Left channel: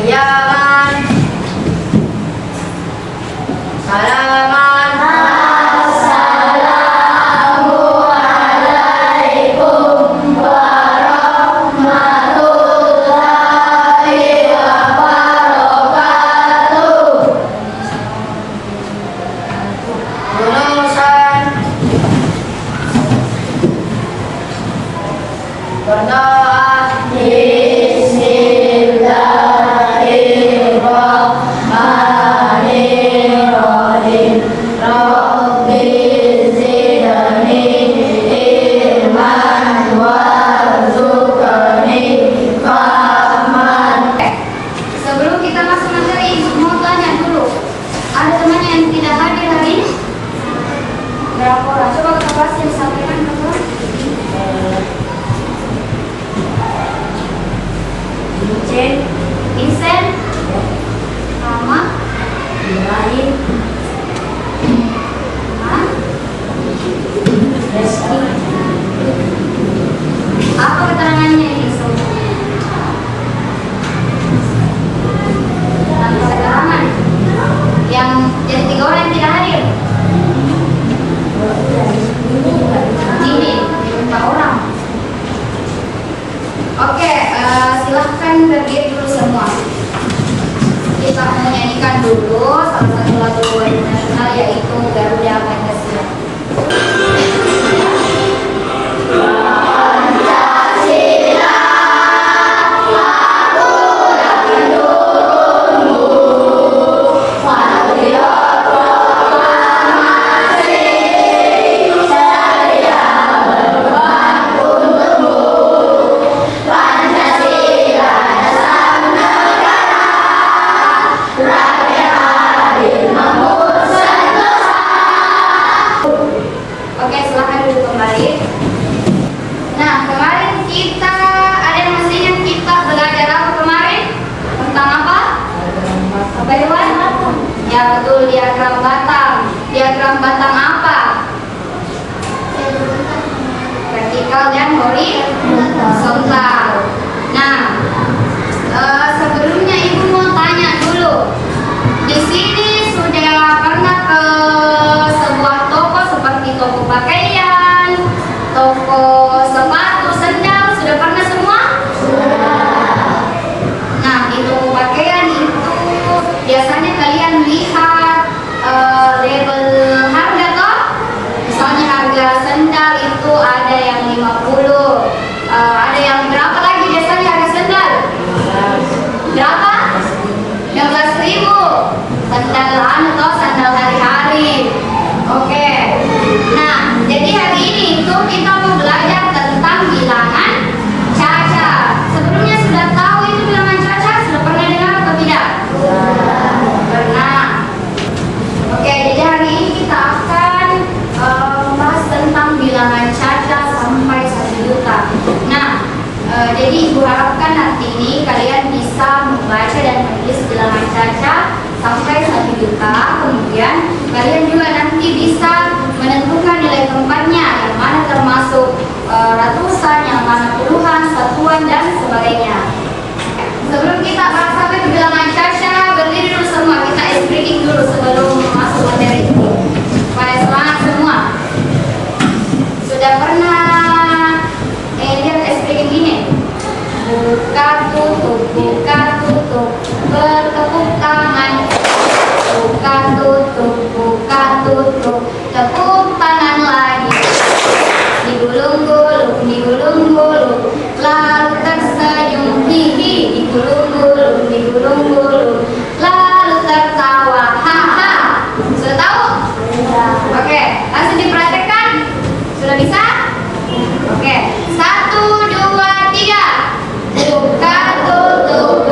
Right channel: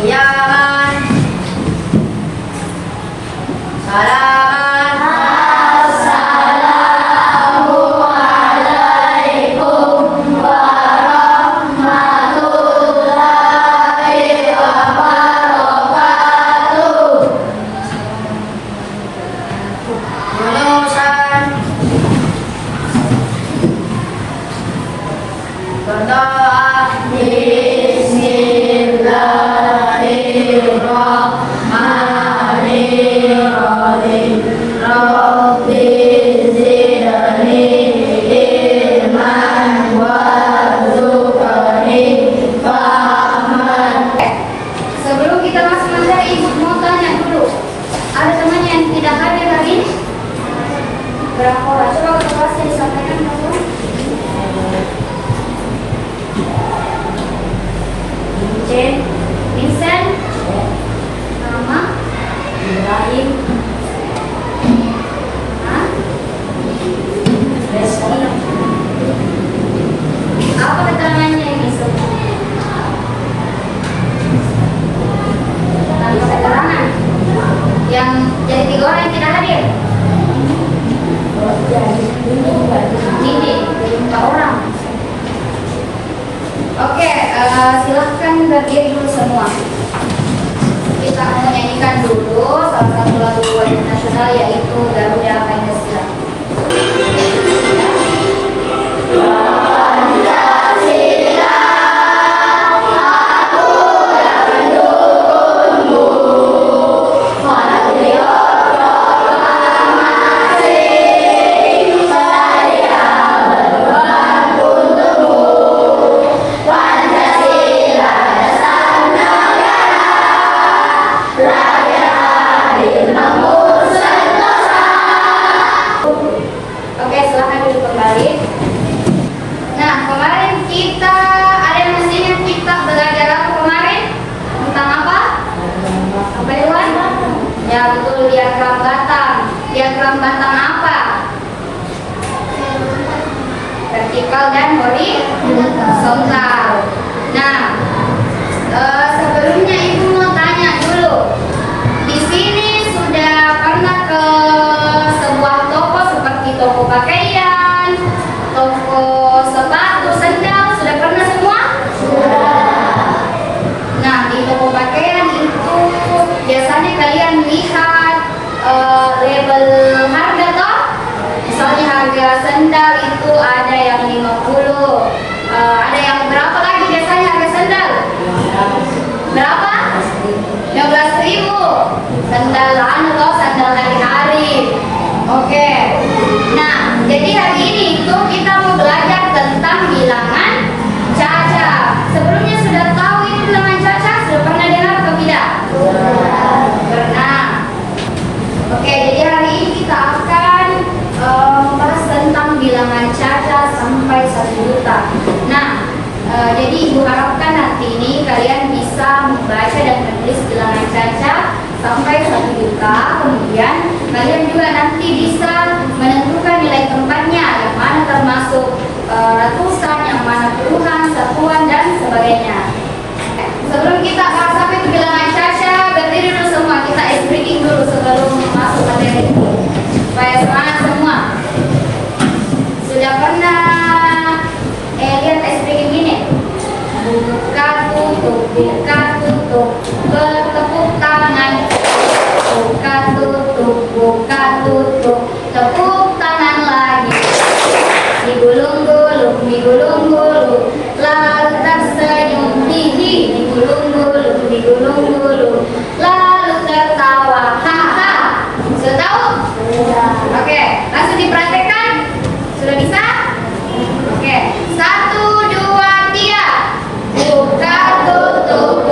Iya kan? Salaman. Assalamualaikum warahmatullahi wabarakatuh. Lulusan berdoa. Bismillahirrahmanirrahim. Rabbi zidni ilman warzuqni fahman. Sebelum kita masuk materi, Ibu mau tanya dulu. Ada temannya yang tidak hadir hari ini? Berapa orang? Coba ketua disampaikan ketua. Vincent, Mama, Ibrahim, Reski. Apa keterangannya ini semua? Tadi keterangan yang jadi 3 orang yang tidak hadir. Ini 4 orang. Oke, silahkan berdiri dulu semua. Kita menyanyikan dulu salah satu lagu wajib nasional yaitu Garuda Pancasila. Oke, silahkan duduk kembali. Nah, kemarin kita ada yang mesti ingat kita belajar apa kemarin? Tentang apa? Apa Iwan? Ya betul, diagram batang. Diagram batang apa? Vertikal dan horizontal. Nah, sebelumnya Ibu mau tanya dulu. Di sini sudah pernah ke sebuah toko seperti toko pakaian, toko sepatu, sendal, sudah pernah semua? Nah, di toko pakaian itu biasanya kalian lihat label harga toh? Misalnya harga sendal itu ada yang 50, ada yang berapa lagi biasanya harga sendal? Berapa? 15.000. Sandal atau sandal hari-hari. Oke. Nah, jadi hari ini itu kita mau belajar tentang bilangan caca. Sebelumnya sudah tahu itu bilangan caca? Sudah pernah dengar atau tidak? Pernah. Oke, jadi hari ini kita akan bahas tentang bilangan caca sampai 1 juta. Nah, jadi Ibu harapkan nanti ini kalian bisa membaca dan menulis bilangan caca sampai 1 juta. Kemudian kalian juga nanti bisa menentukan nilai tempatnya, yang mana termasuk ratusan, yang mana puluhan, satuan, dan sebagainya. Sebelum kita bahas apa itu bilangan caca, berdiri dulu semua. Kita ice breaking dulu sebelum masuk materi itu, supaya semangat semua. Sudah pernah lihat ice breaking ini? Buka tutup, bertepuk tangan. Buka tutup, tepuk tangan lagi. Digulung-gulung, lalu tersenyum, hihi. Digulung-gulung, lalu tertawa, haha. Sudah tahu? Oke, langsung dipraktekkan. Sudah bisa? Oke, 1, 2, 3. Buka tutup,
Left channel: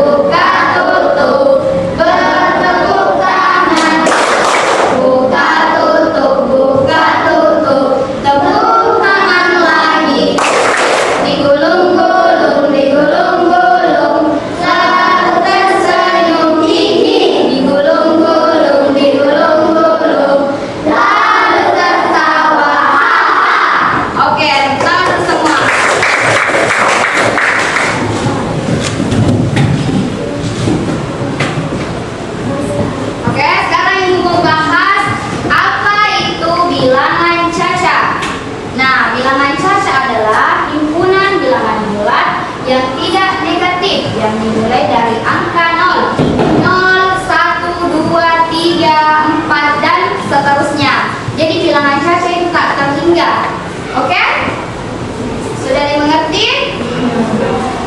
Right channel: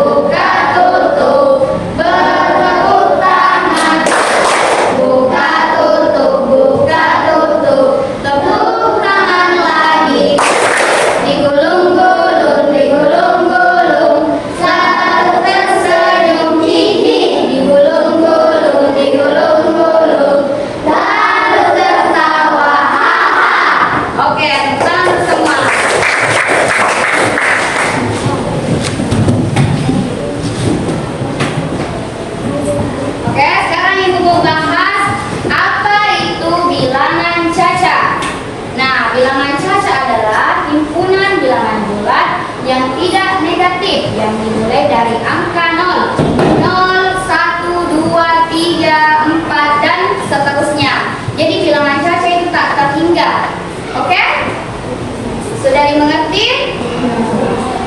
ada negatif yang dimulai dari angka 0. 0, 1, 2, 3, 4 dan seterusnya. Jadi bilangan caca itu tak terhingga. Oke? Sudah dimengerti?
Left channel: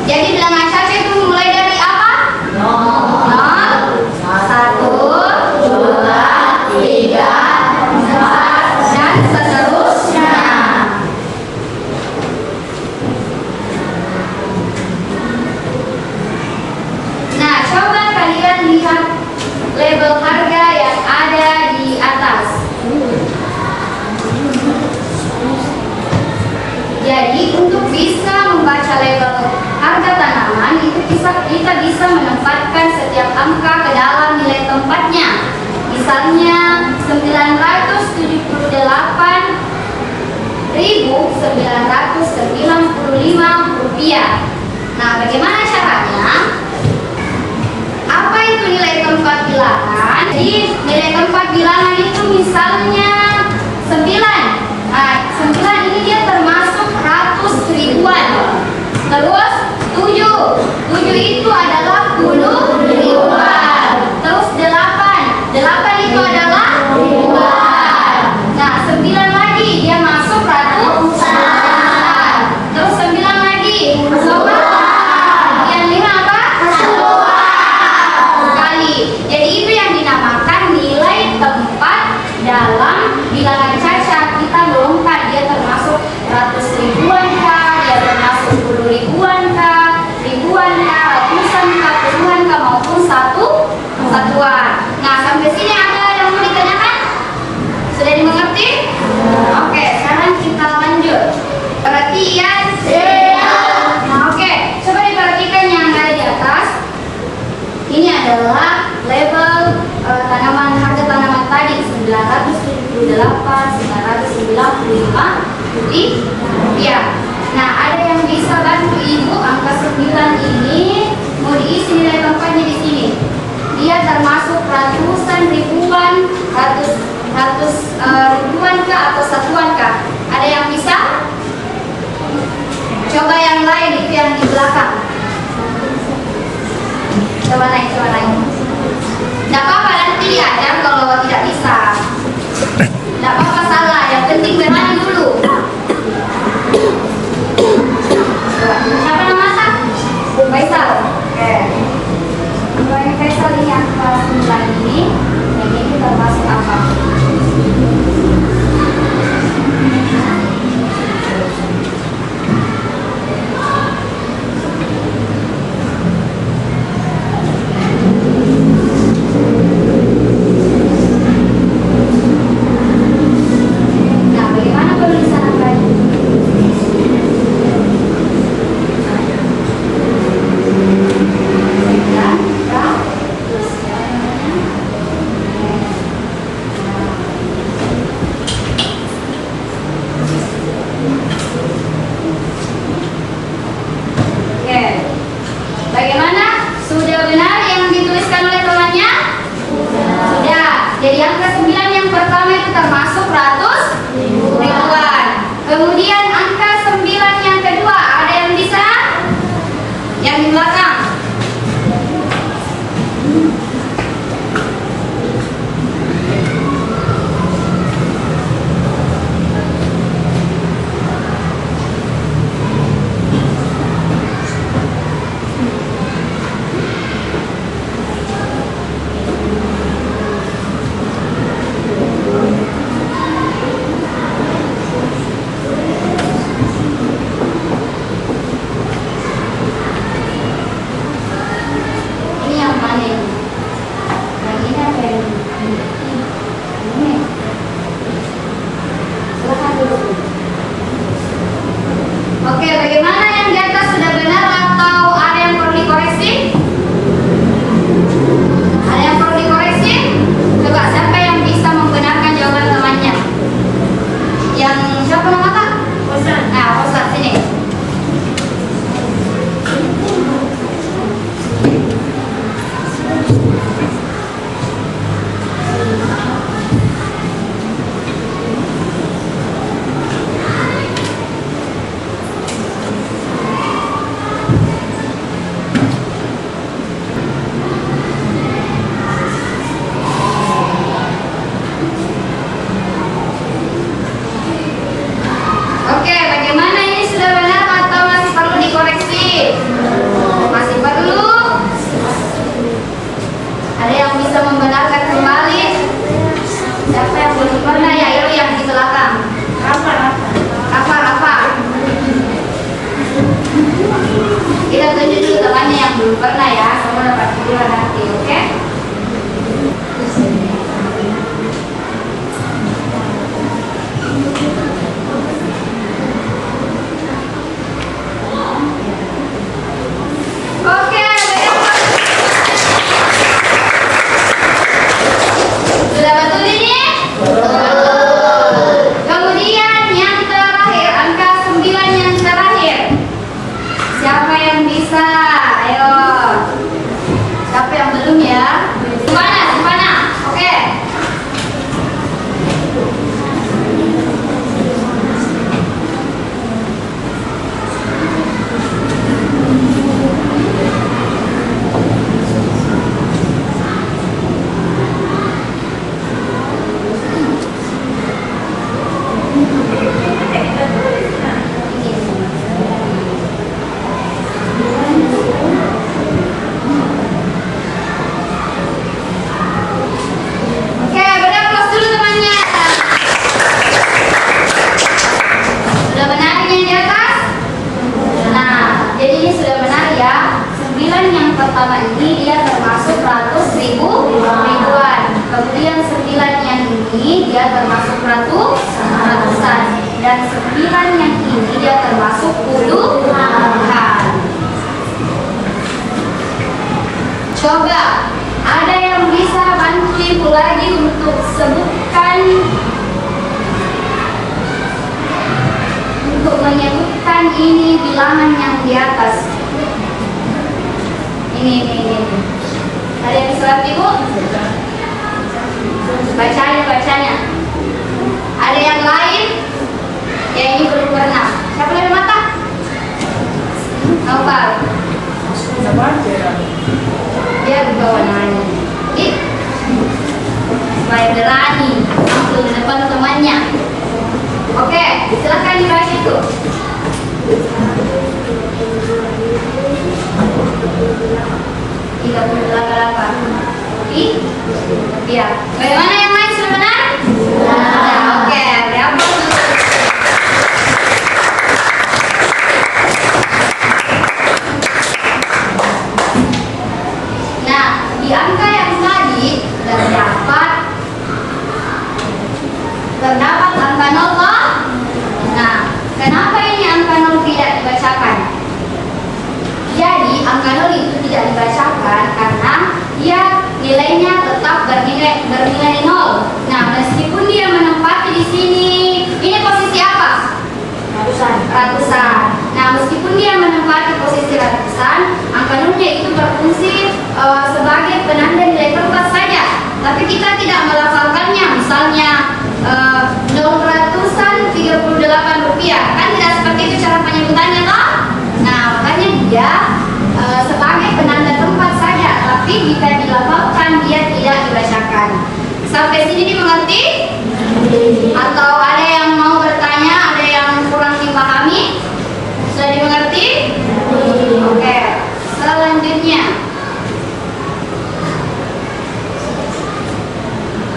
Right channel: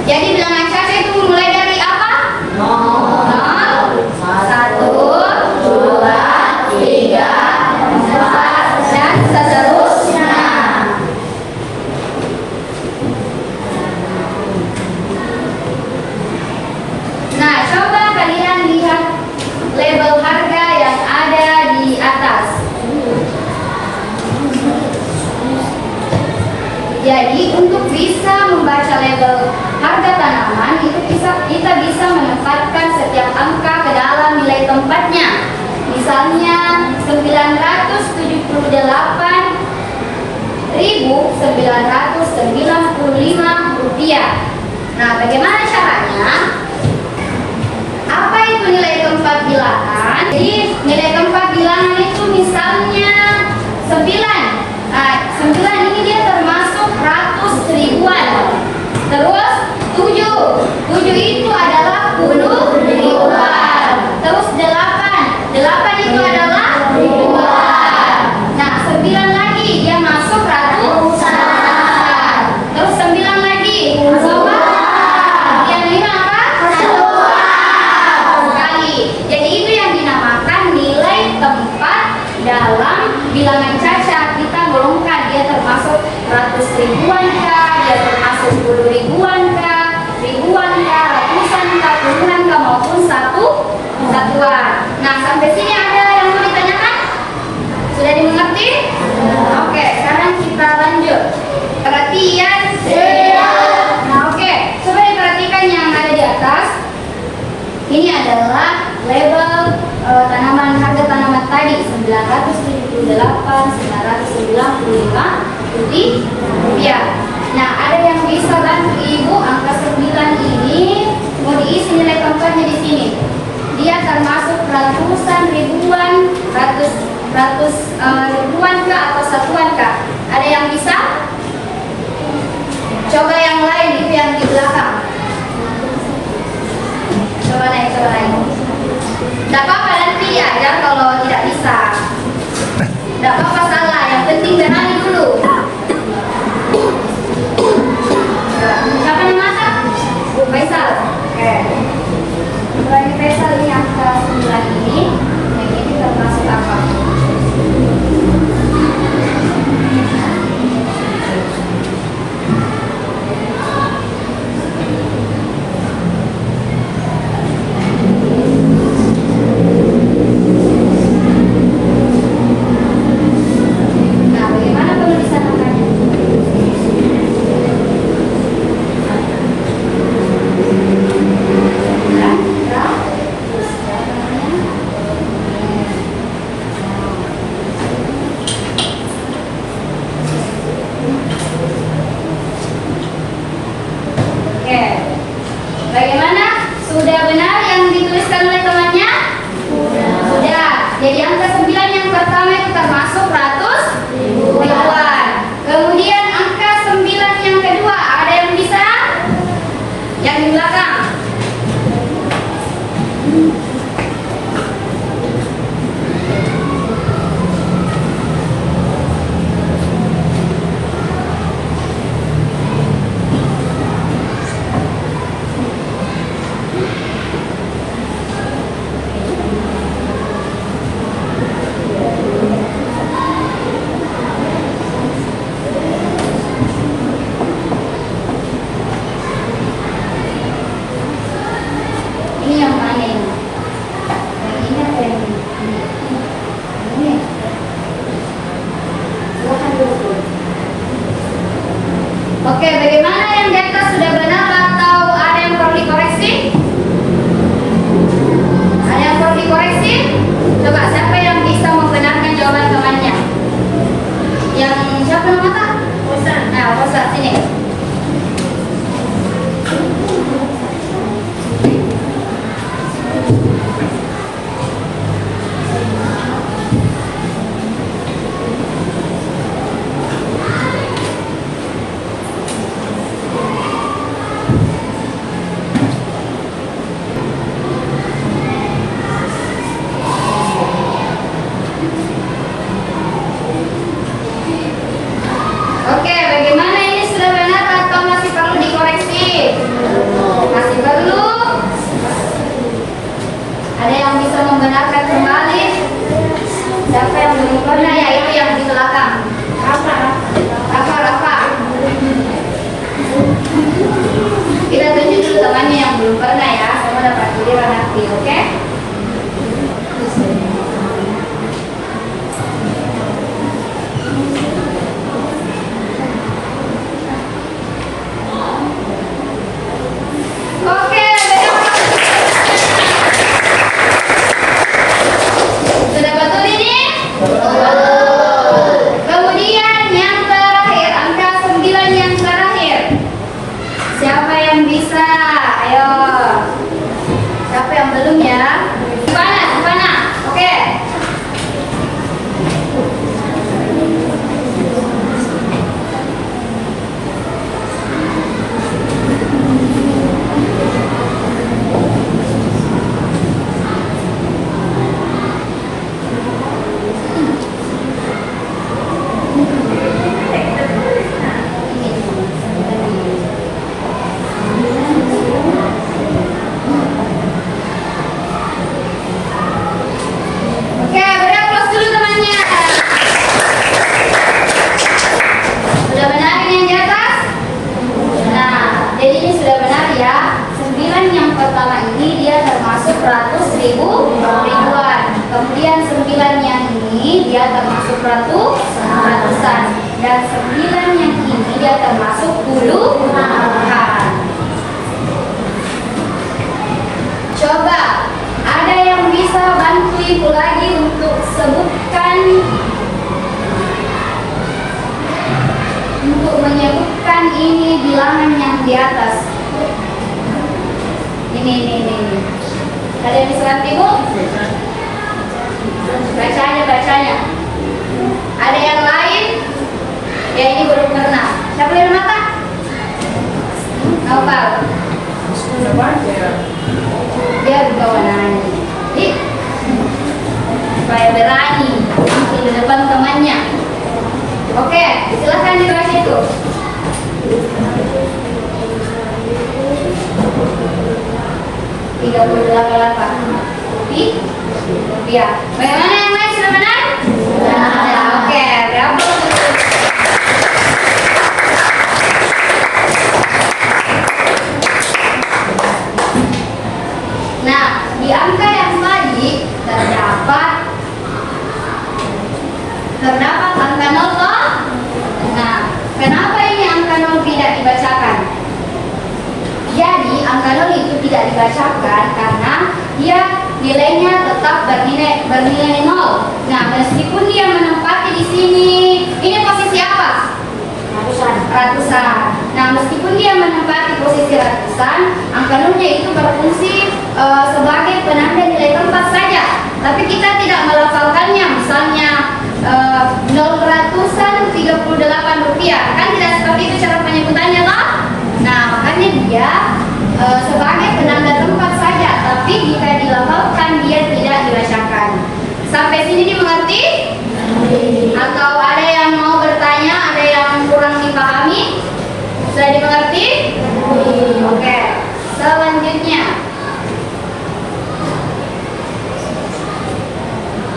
Jadi bilangan caca itu mulai dari apa? 0, 1, 2, 3, 4 dan seterusnya. Nah, coba kalian lihat label harga yang ada di atas. Jadi untuk bisa membaca label harga tanaman itu kita bisa menempatkan setiap angka ke dalam nilai tempatnya. Misalnya 998.995 rupiah. Nah, bagaimana caranya? Apa itu nilai tempat bilangan? Jadi nilai tempat bilangan itu misalnya 9. Nah, 9 ini dia termasuk ratus ribuan. Terus 7 itu adalah puluh ribuan. Terus 8 itu adalah ribuan. Nah, 9 lagi dia masuk ratusan. Terus 9 lagi masuk apa? Yang 5 apa? Sekali. Jadi itu yang dinamakan nilai tempat dalam bilangan caca. Kita golongkan dia termasuk ratus ribuan kah, dia termasuk 10 ribuan kah, ribuan kah, ratusan kah, puluhan kah, maupun satuan. Nah, sampai sini ada yang mau ditanyakan? Sudah dimengerti? Oke, sekarang kita lanjut. Perhatian. Nah, oke, coba diperhatikan yang ada di atas. Ini adalah label tanaman, harga tanaman tadi 978.995 rupiah. Nah, ada yang bisa bantu ibu angka 9 ini mau diisi nilai tempatnya di sini. Dia termasuk ratusan ribuan, ratus ribuan kah atau satuan kah? Ada yang bisa? Coba yang lain itu yang di belakang. Coba naik. Tidak apa-apa nanti ajar kalau tidak bisa. Tidak apa-apa salah, yang penting berani dulu. Siapa yang masak? Faisal. Oke. Ini Faisal, ini angka 9 ini. Yang ini termasuk apa? Nah, bagaimana penulisan angkanya? Oke. Bagaimana? Sudah benar yang dituliskan oleh temannya? Sudah. Jadi angka 9 yang pertama itu termasuk ratus ribuan. Kemudian angka 9 yang kedua, ada yang bisa? Yang di belakang. Ini yang mana ini? pertama ini dia termasuk ratus ribuan. Kemudian 9 yang ini dia termasuk ratusan. Dan 9 yang ini dia termasuk puluhan. Coba ada yang bisa bantu ibu lagi untuk sebutkan, untuk menyebutkan ini bilangan yang di atas. Ini. Ada yang bisa bantu ibu? Bacanya. Ada yang lain? Ya ini belum pernah. Siapa yang mata? Apa? Dia buka warnanya. Jadi supaya berani untuk di depan temannya. Oke, silakan dibaca itu. 38. Iya. Bagaimana yang lain sudah benar? Sudah. Oke, berapa? Nah, di angka yang tadi terdapat angka 0. Nah, kenapa ini angka 0 tidak dibacakan? Jadi angka 0 itu tidak dibacakan karena dia nilainya tetap bernilai 0. Nah, meskipun dia menempati di sini, ini posisi apa? Ratusan. Nah, meskipun dia menempati posisi ratusan, angka 0-nya itu berfungsi sebagai penanda nilai tempat saja. Tapi kita tidak melafalkannya. Misalnya 0 ratusan 38 rupiah. Kan tidak seperti itu cara penyebutannya, toh? Nah, makanya dia sebagai penanda tempat saja, tapi jika dilafalkan dia tidak dibacakan. Sampai sini dimengerti? Atau ada yang mau bertanya, ada yang kurang dipahami? Sudah dimengerti? Oke, selanjutnya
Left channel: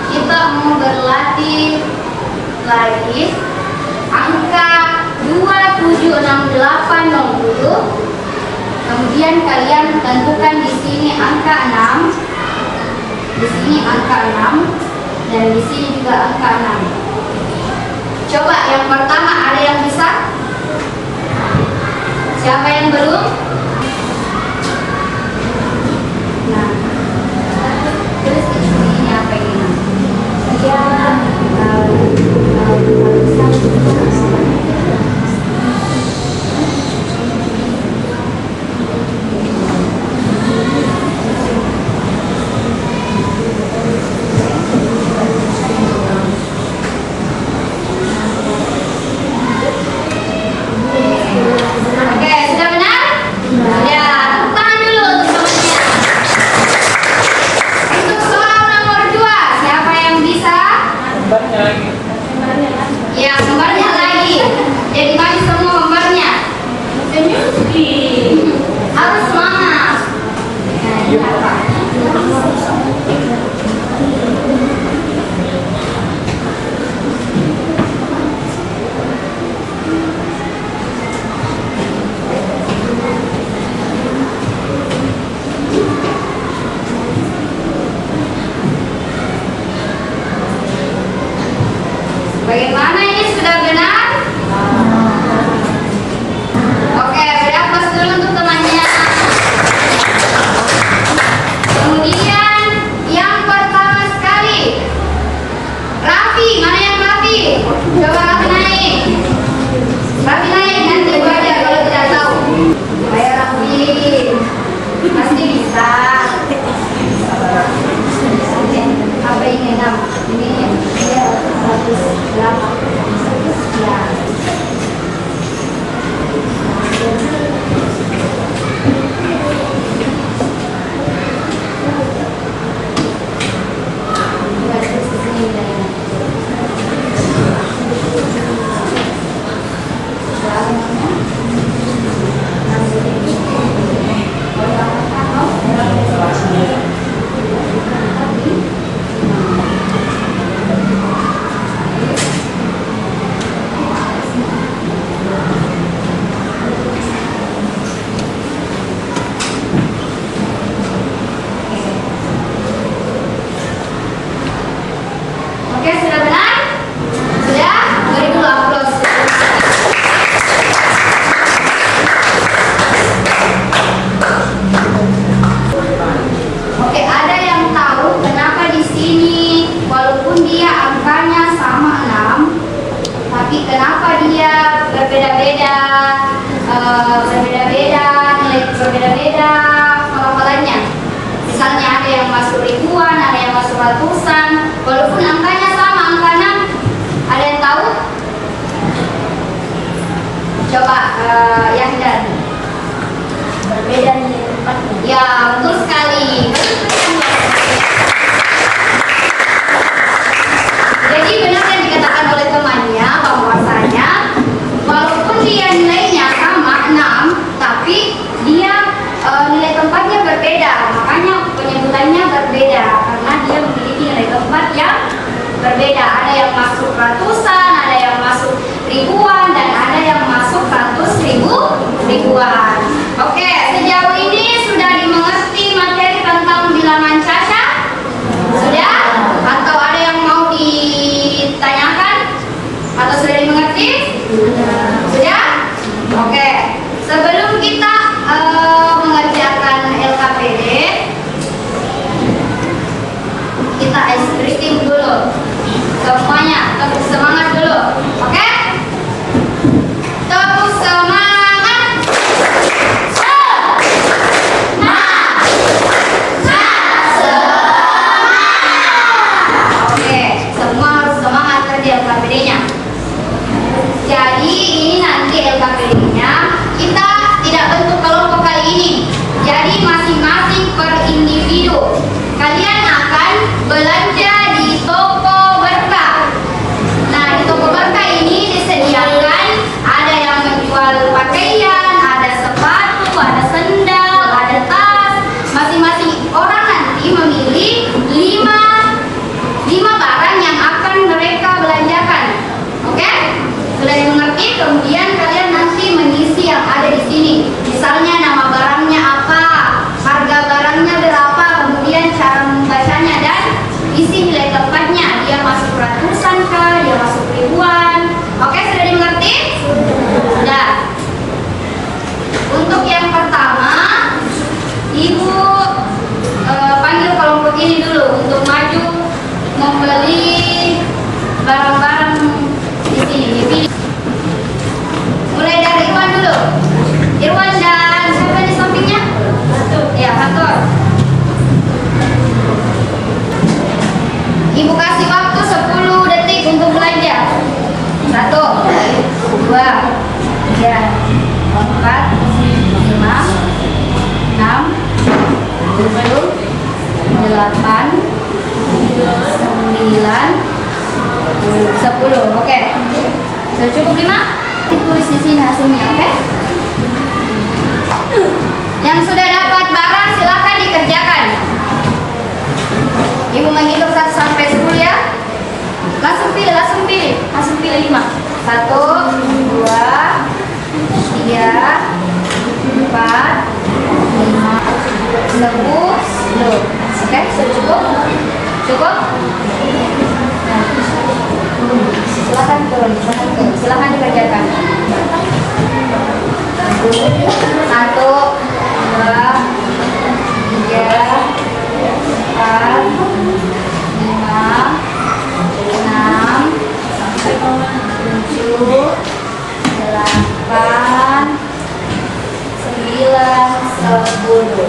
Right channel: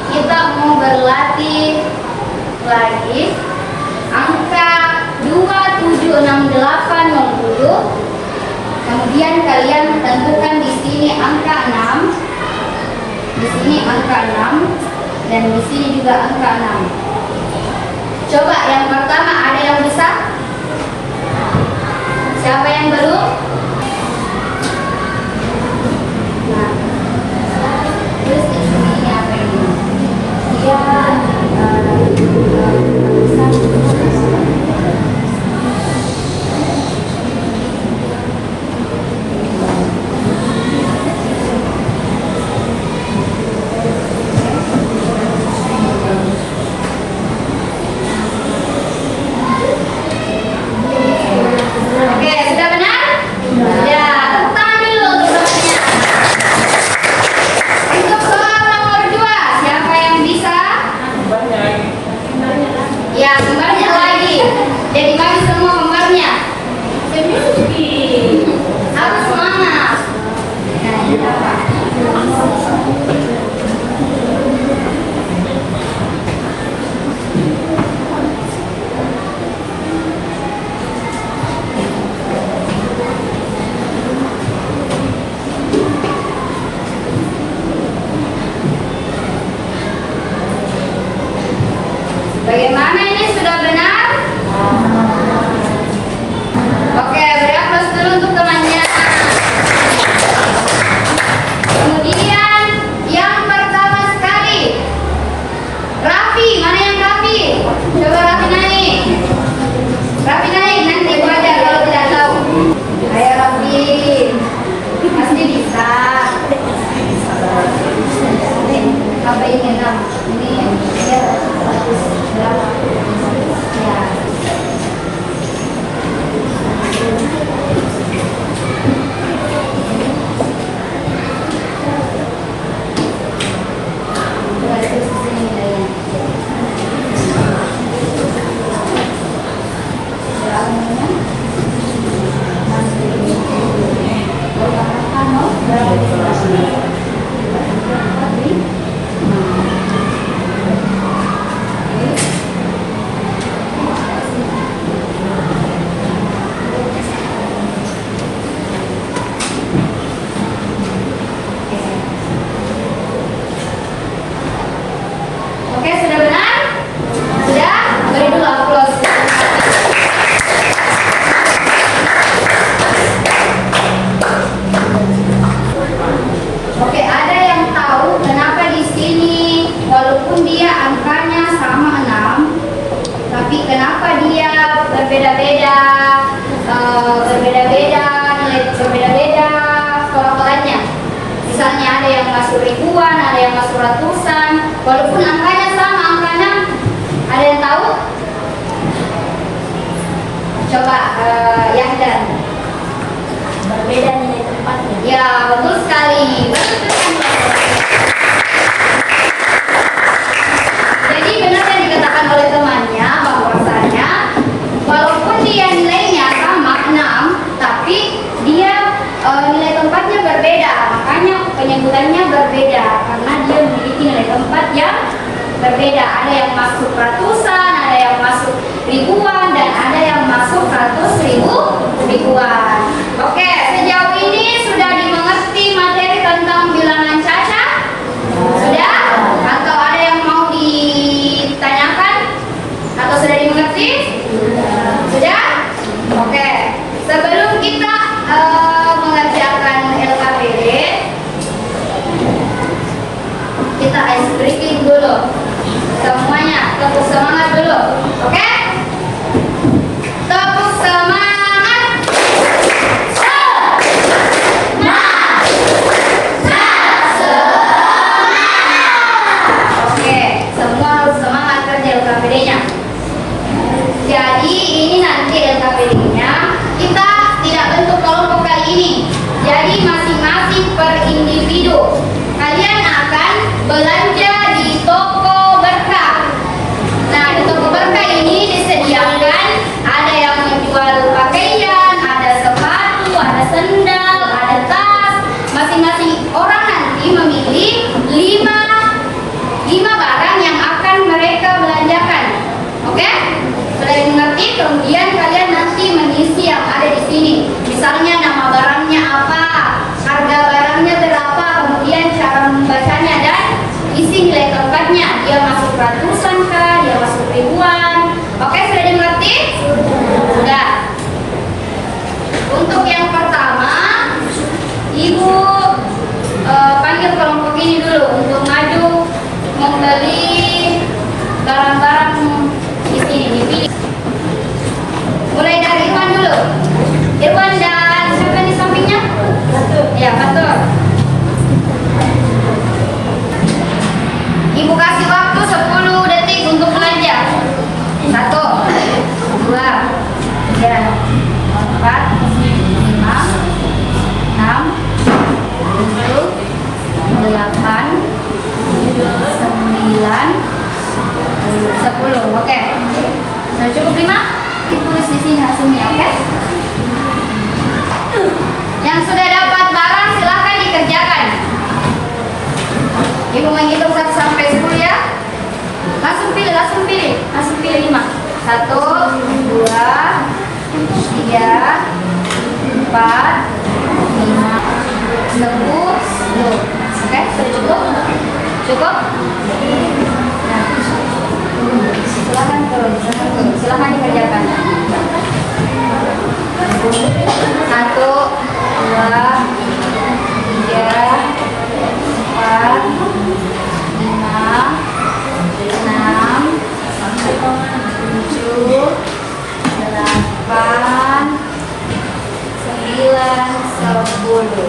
kita mau berlatih lagi angka 276860. Kemudian kalian tentukan di sini angka 6, di sini angka 6, dan di sini juga angka 6. Coba yang pertama ada yang bisa? Siapa yang belum? Nah, terus ini apa ini? Ya, bagaimana ini sudah benar? Oke, beri aplaus dulu untuk temannya. Kemudian yang pertama sekali, Raffi, mana yang Raffi? Coba Raffi naik. Raffi naik, nanti baca kalau tidak tahu. Ayo Raffi, pasti bisa. Apa ini nam? Ini ya 108. Ya. urutannya berbeda karena dia memiliki nilai tempat yang berbeda. Ada yang masuk ratusan, ada yang masuk ribuan, dan ada yang masuk ribuan. Oke, sejauh ini sudah dimengerti materi tentang bilangan cacat? Sudah? Atau ada yang mau ditanyakan? Atau sudah dimengerti? Sudah? Oke. Sebelum kita mengerjakan LKPD, kita ice breaking dulu. Semuanya tepuk semangat dulu. Oke? Tepuk semangat. Oke, semua harus semangat kerja LKPD-nya. Jadi ini nanti LKPD-nya kita tidak bentuk kelompok kali ini. Jadi masing-masing per individu. Kalian akan belanja di toko berkah. Nah, di toko berkah ini disediakan ada yang menjual pakaian, ada sepatu, ada sendal, ada tas. Masing-masing orang nanti memilih 5 barang yang akan mereka belanjakan. Oke? Sudah dimengerti? Kemudian kalian nanti mengisi yang ada di sini. Misalnya nama barangnya apa, harga barangnya berapa, kemudian cara membacanya dan isi nilai tempatnya. Dia masuk ratusan kah, dia masuk ribuan. Oke, sudah dimengerti? Sudah. Untuk yang pertama, Ibu panggil kelompok ini dulu untuk maju membeli barang-barang di sini. Dipilih. Mulai dari Irwan dulu. Irwan dan siapa di sampingnya? Ya, Fatur. Ibu kasih waktu 10 detik untuk belanja. 1, 2, 3, 4, 5, 6, 7, 8, 9, 10. Oke. Sudah cukup 5? Ditulis di sini hasilnya, oke? Yang sudah dapat barang silahkan dikerjakan. Ibu menghitung 1 sampai 10 ya. Langsung pilih 5. 1, 2, 3, 4, 5, 10. Oke, sudah cukup? Cukup? Nah, silahkan turun, silahkan dikerjakan. 1, 2, 3, 4, 5, 6, 7, 8, 9, 10.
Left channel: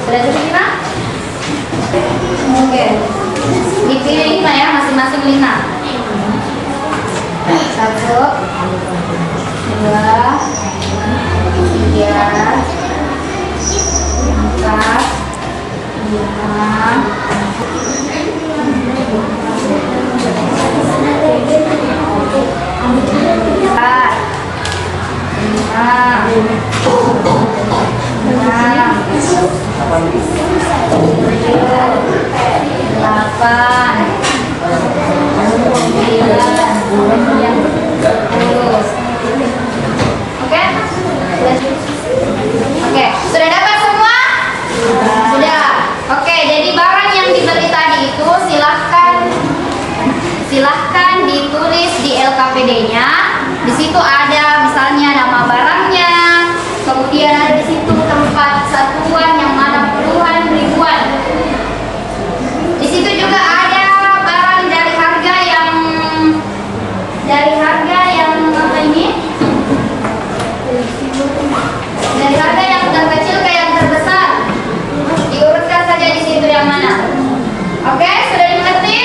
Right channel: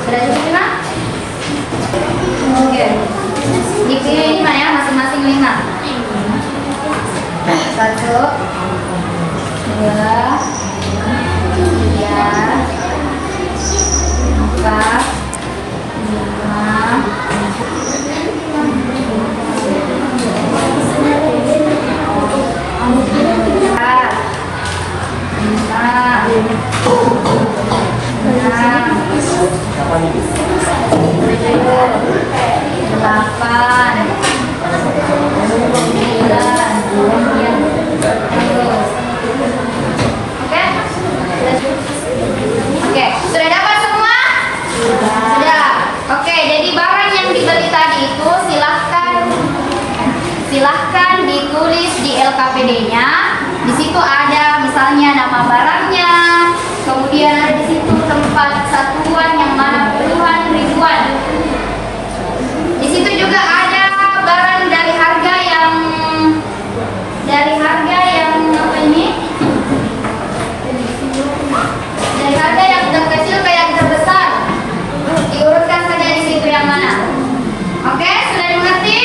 Sudah cukup 5? Oke. Dipilih 5 ya, masing-masing 5. 1, 2, 3, 4, 5, Oke, sudah dapat semua? Sudah. Oke, jadi barang yang dibeli tadi itu silahkan ditulis di LKPD-nya. Di situ ada misalnya nama barangnya, kemudian ada di situ tempat satuan yang mana puluhan, ribuan. Di situ juga ada barang dari harga yang apa ini? Dari harga yang terkecil ke yang terbesar. Diurutkan saja di situ yang mana. Oke, sudah dimengerti?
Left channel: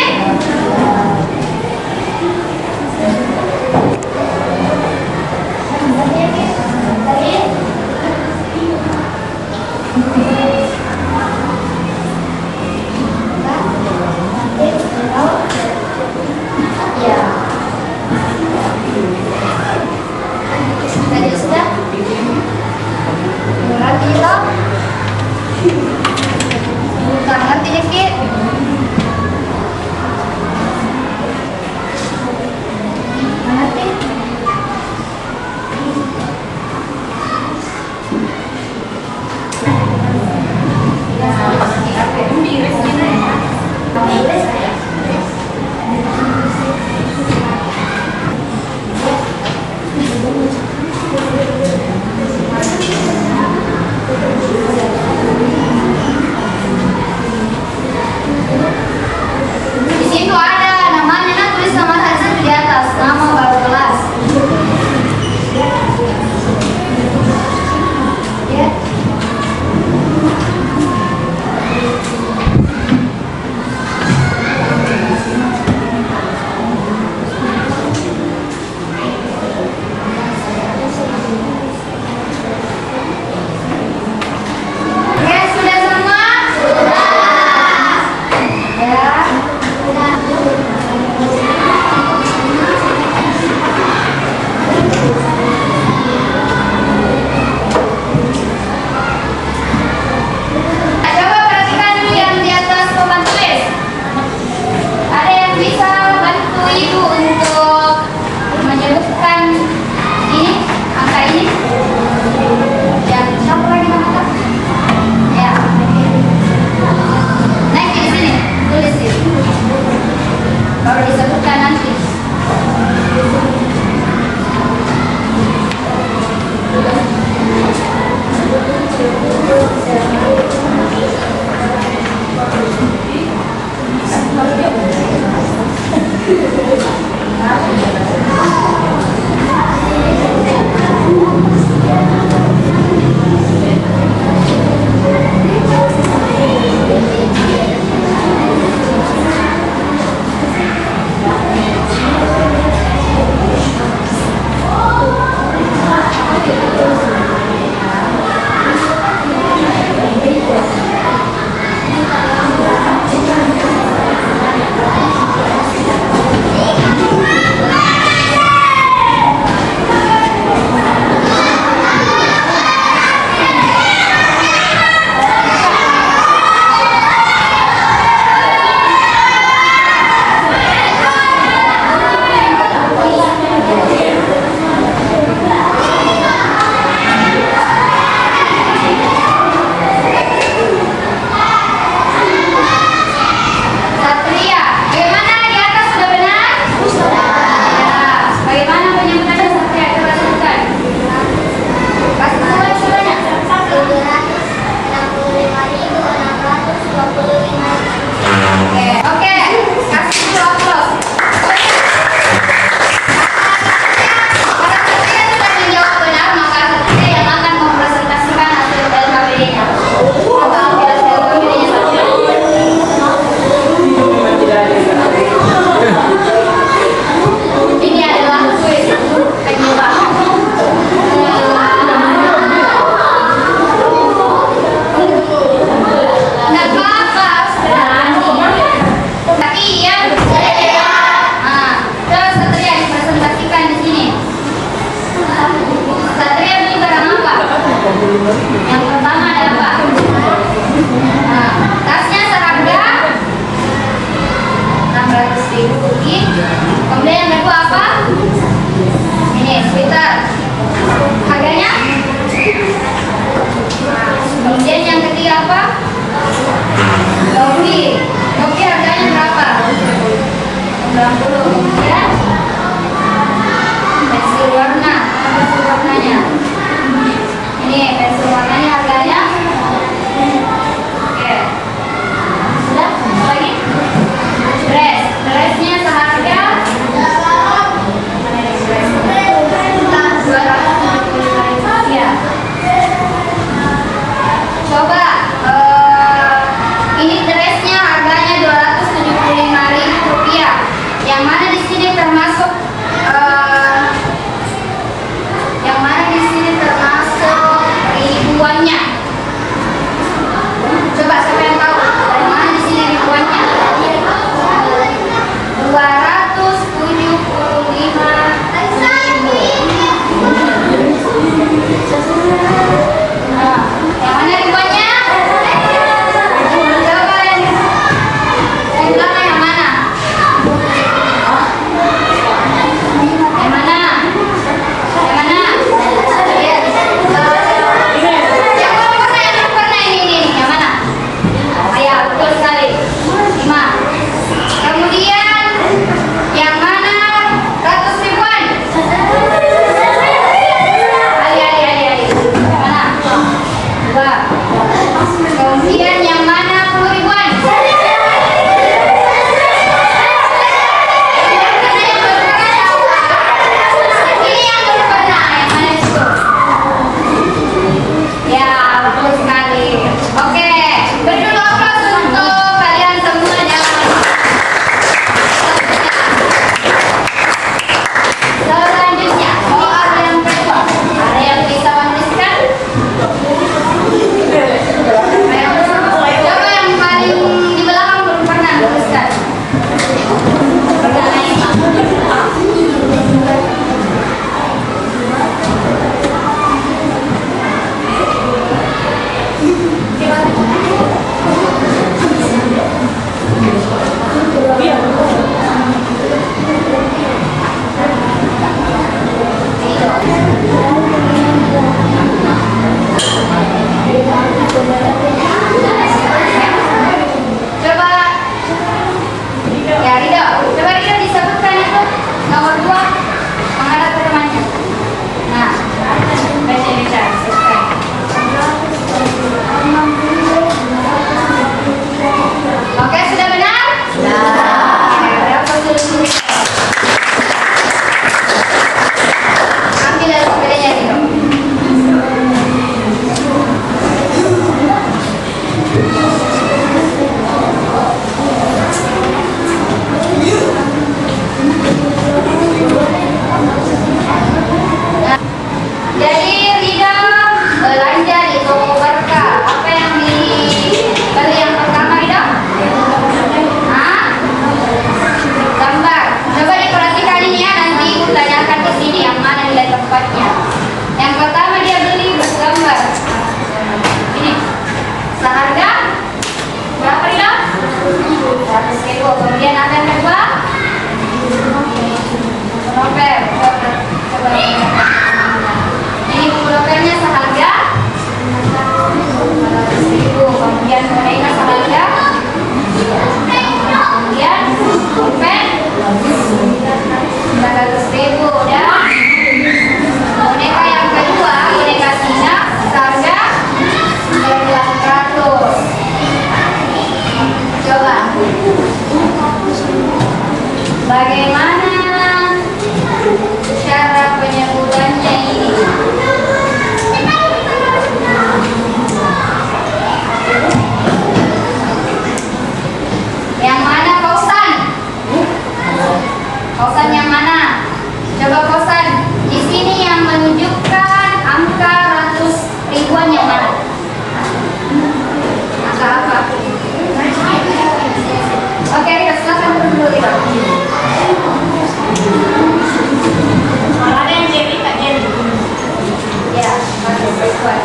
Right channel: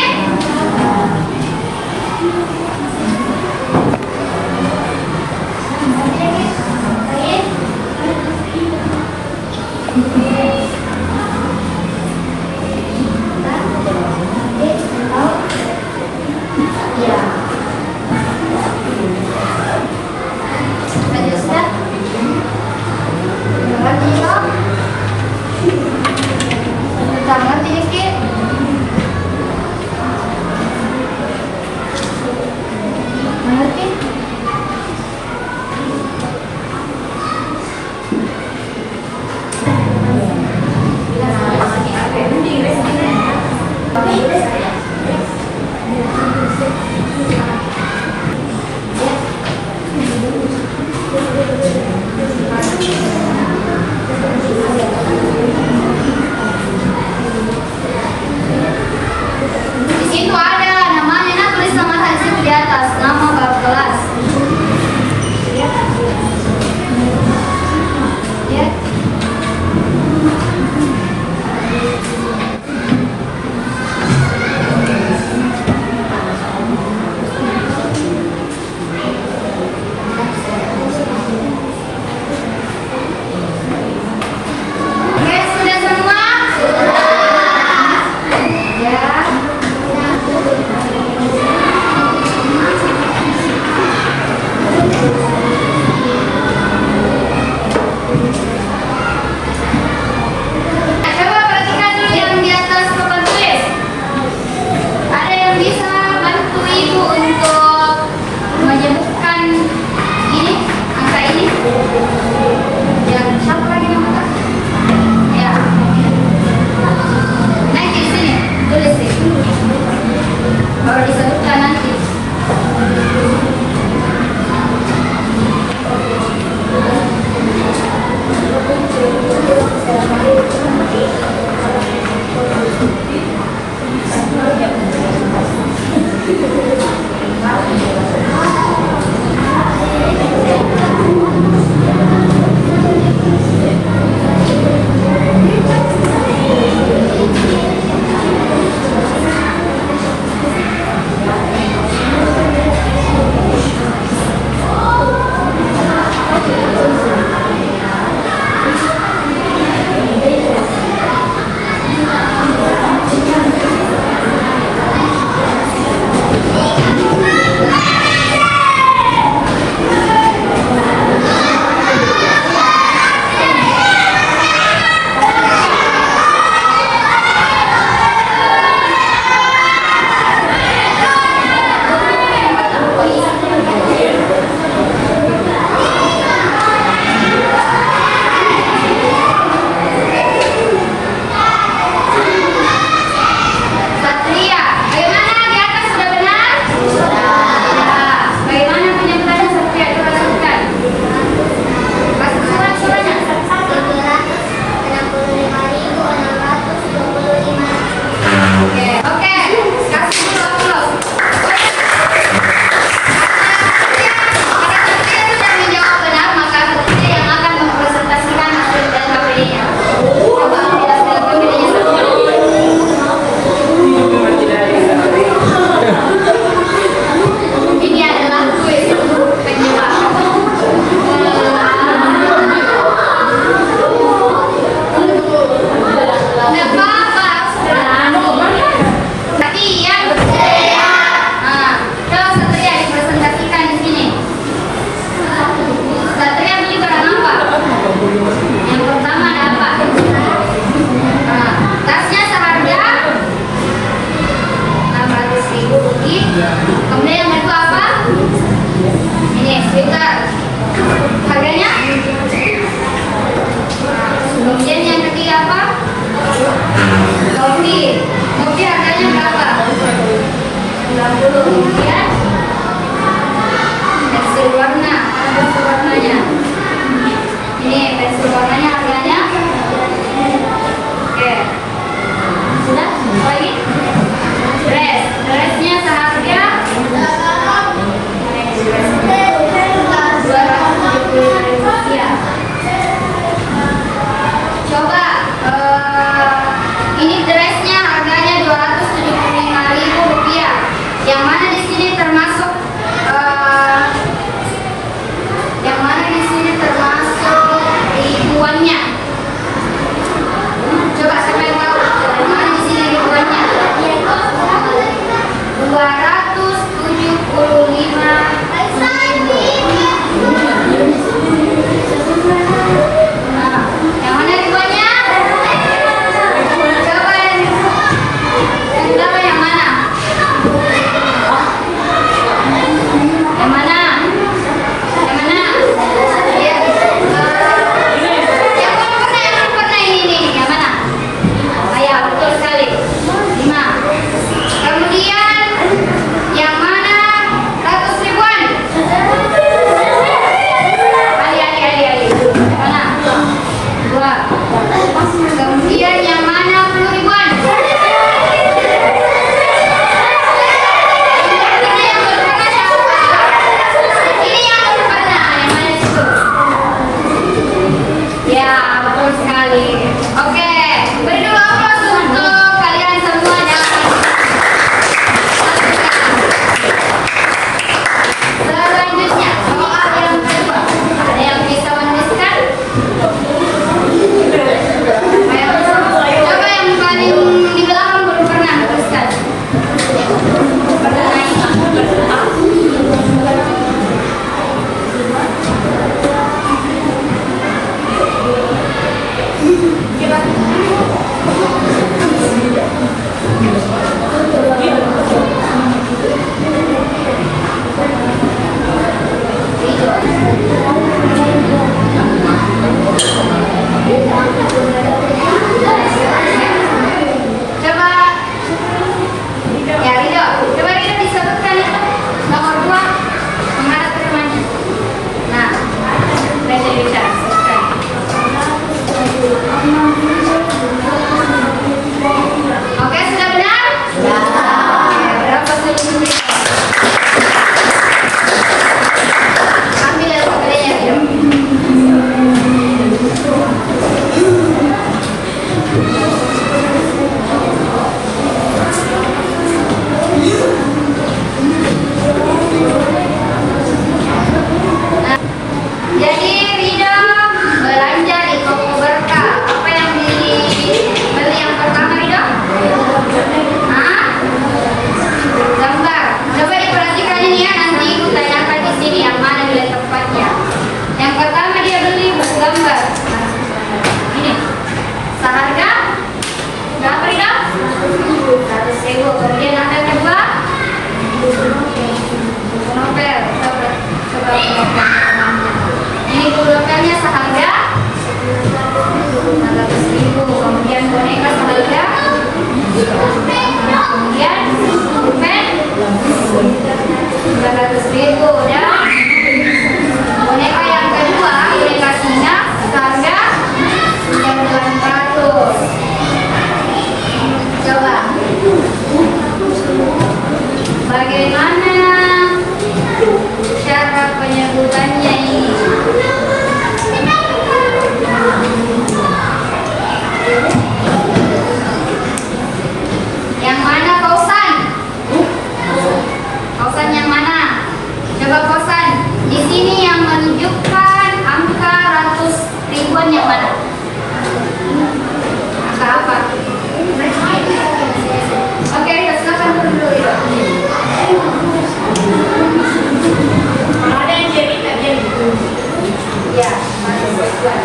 ribuan.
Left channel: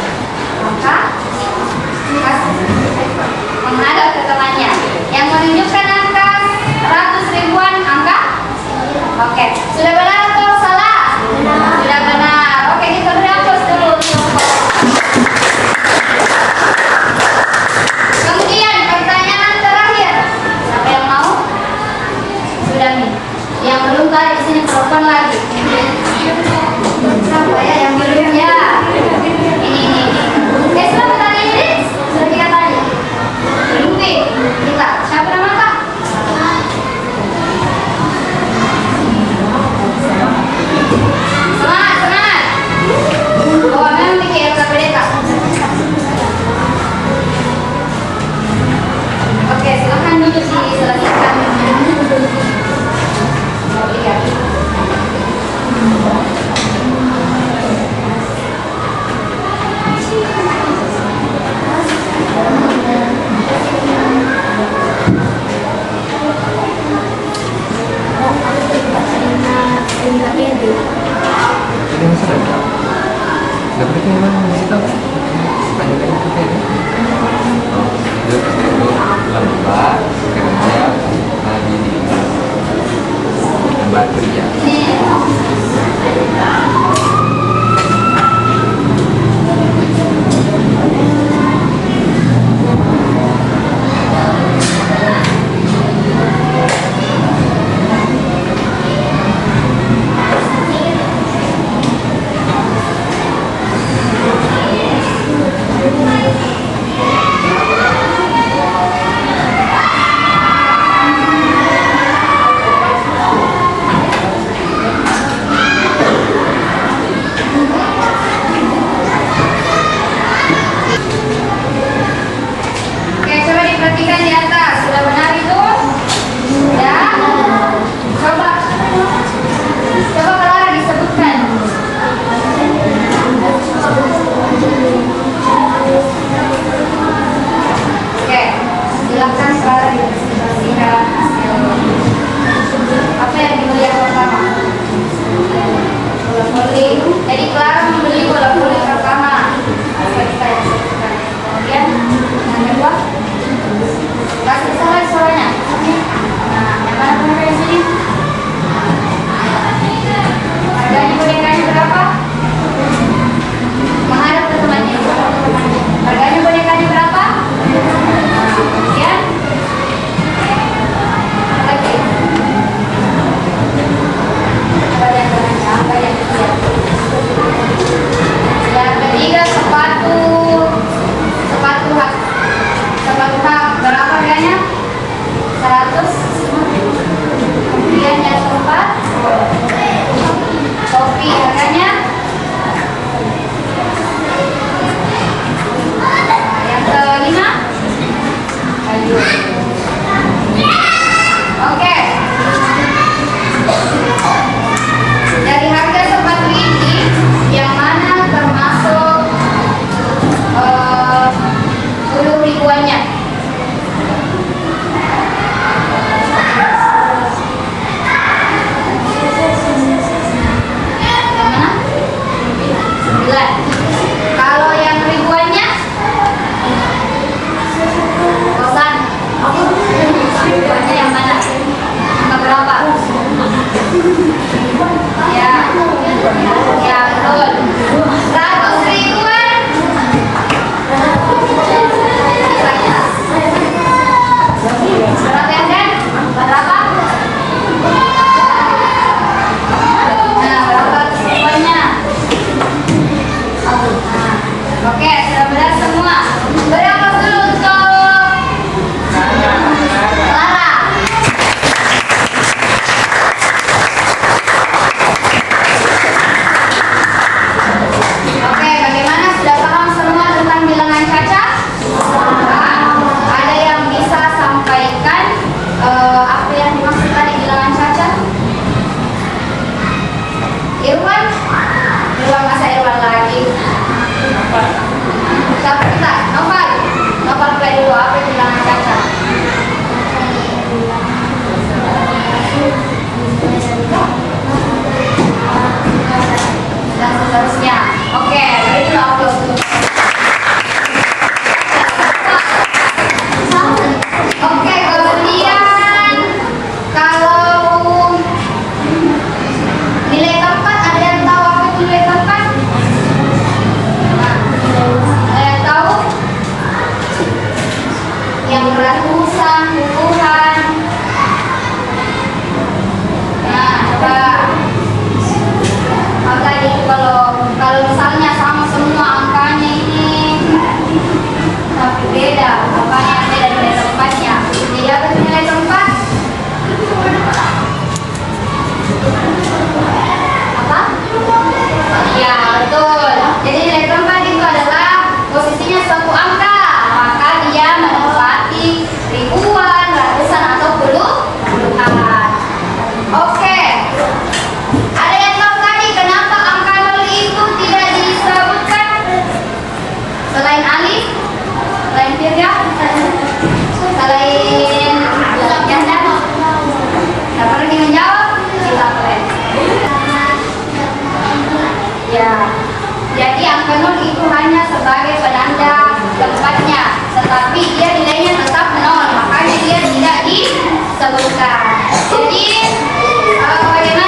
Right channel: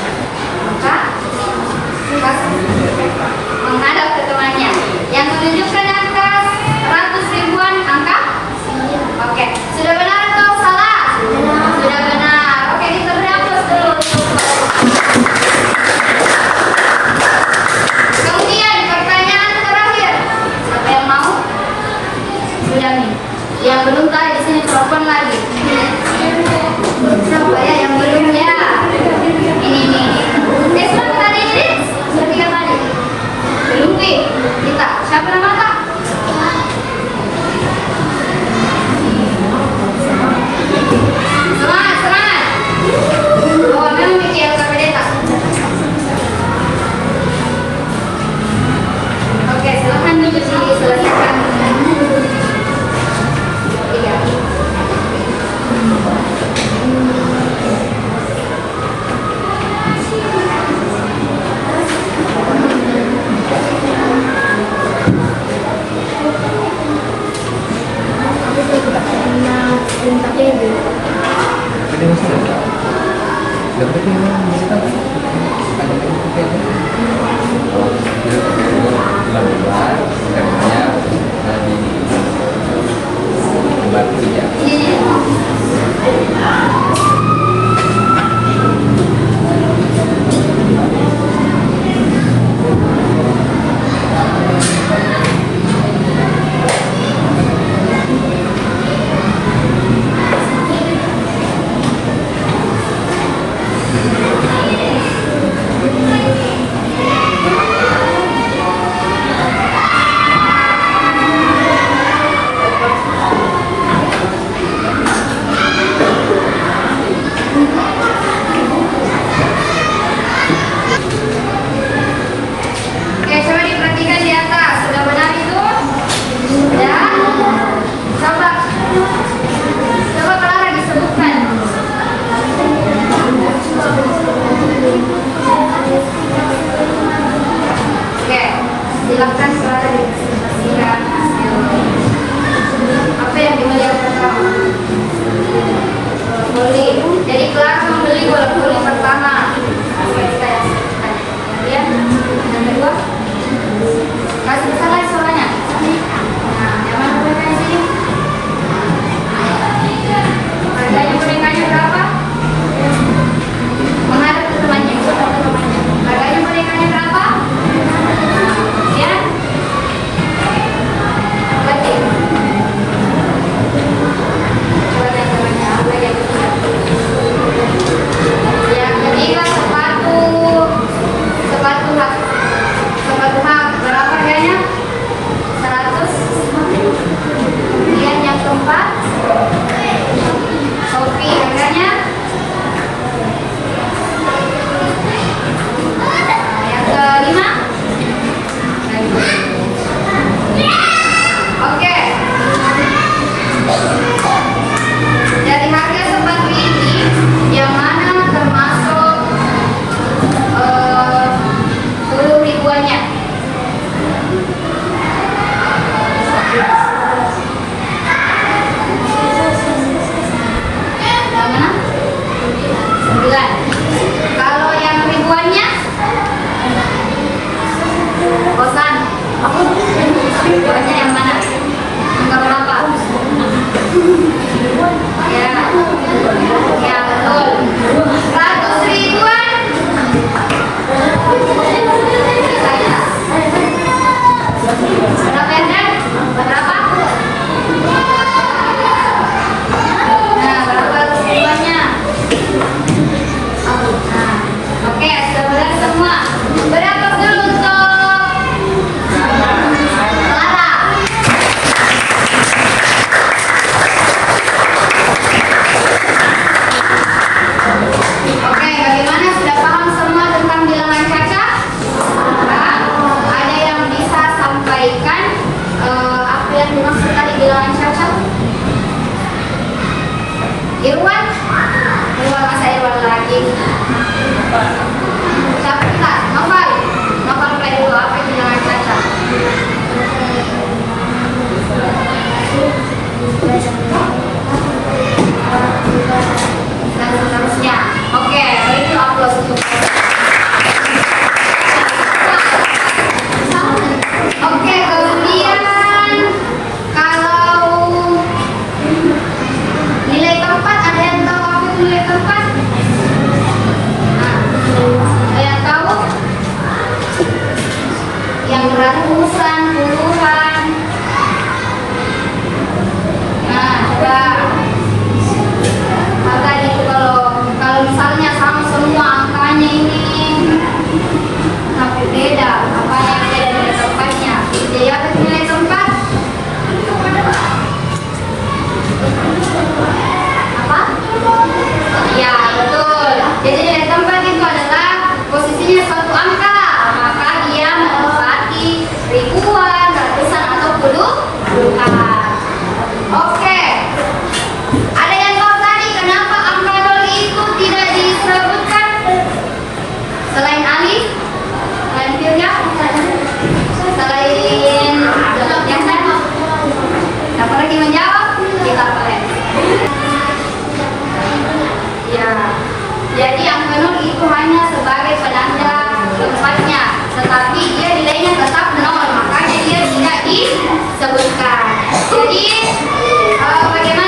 Maka menghadap ke temannya. Yang menunjukkan angka 100 ribuan angka. Oke, sudah benar atau salah? Sudah benar. Oke, kita beri aplaus dulu. Kemudian pertanyaan terakhir. Siapa yang mau? Sudah nih. Yang belum tadi di sini perempuan lagi. Siapa ya yang belum ya? Ini. Sudah tadi ini? Sudah 3 tadi. Belum nih. Kita. Siapa nama Kak? Semangat. Oh, memang mikir ke pendeta. Oke, silakan duduk diselesaikan. Ini masih ada. Gak pakai yang mana kita? Ada yang pakai ini. Dia pakai itu lembar, kerja, lagi di lembar kerja. Oke, coba diperhatikan di atas. Sudah benar itu? Ya. Coba Clara disebutkan. Oke, silakan Clara dipresentasikan. Apa yang dilihat pertama? Bola voli. Jadi Clara membeli bola voli pertama. Oke, saya sebutkan. Kemudian yang kedua, kasih besar suaranya. Nah, yang mana bonekanya sini? Harganya bonekanya berapa? Menghadap ke temannya. Harganya bonekanya berapa? Nah, kemudian lagi. Coba yang temannya, apa yang dilihat? Yang ketiga sepatu hak. Berapa harganya? 100. Kemudian yang keempat, topi harganya. Nah, yang kelima, baju. Oke. Dari harga sepatu ini, yang mana termasuk 10 ribuannya? Yang mana? 9. Kalau yang ribuannya? Kosan. Ribuannya yang mana? Angka berapa? Ya. Ya, betul. 100 ribuan. Berapa yang dan? Berapa? Nah, berapa ribuannya? Nah, oke, sudah benar semua. Berapa dulu untuk Clara? Oke, bagaimana? Sudah paham semua tentang bilangan caca? Nah, ada yang bisa sampaikan apa yang dimaksud tadi bilangan caca? Irwan? Masa Irwan lagi? Siapa kita? Novel? Tapi beda, apa yang beda nilai tempatnya? Dia akan nilai tempat. Apa? Ya, betul. Jadi nilai tempat itu adalah posisinya suatu angka, maka dia menempati ribuan, ratusan atau puluhan. Oke. Ada yang tahu tadi kenapa angka nol itu tidak disebutkan? Selain alif, selain firya, selain yang dano. Siapa lagi menjawab? Kita kalian. Ya, jadi angka nol itu hanya sebagai penanda tempatnya, tetapi dia nilainya tetap nol, makanya dia tidak disebutkan. Jadi bagaimana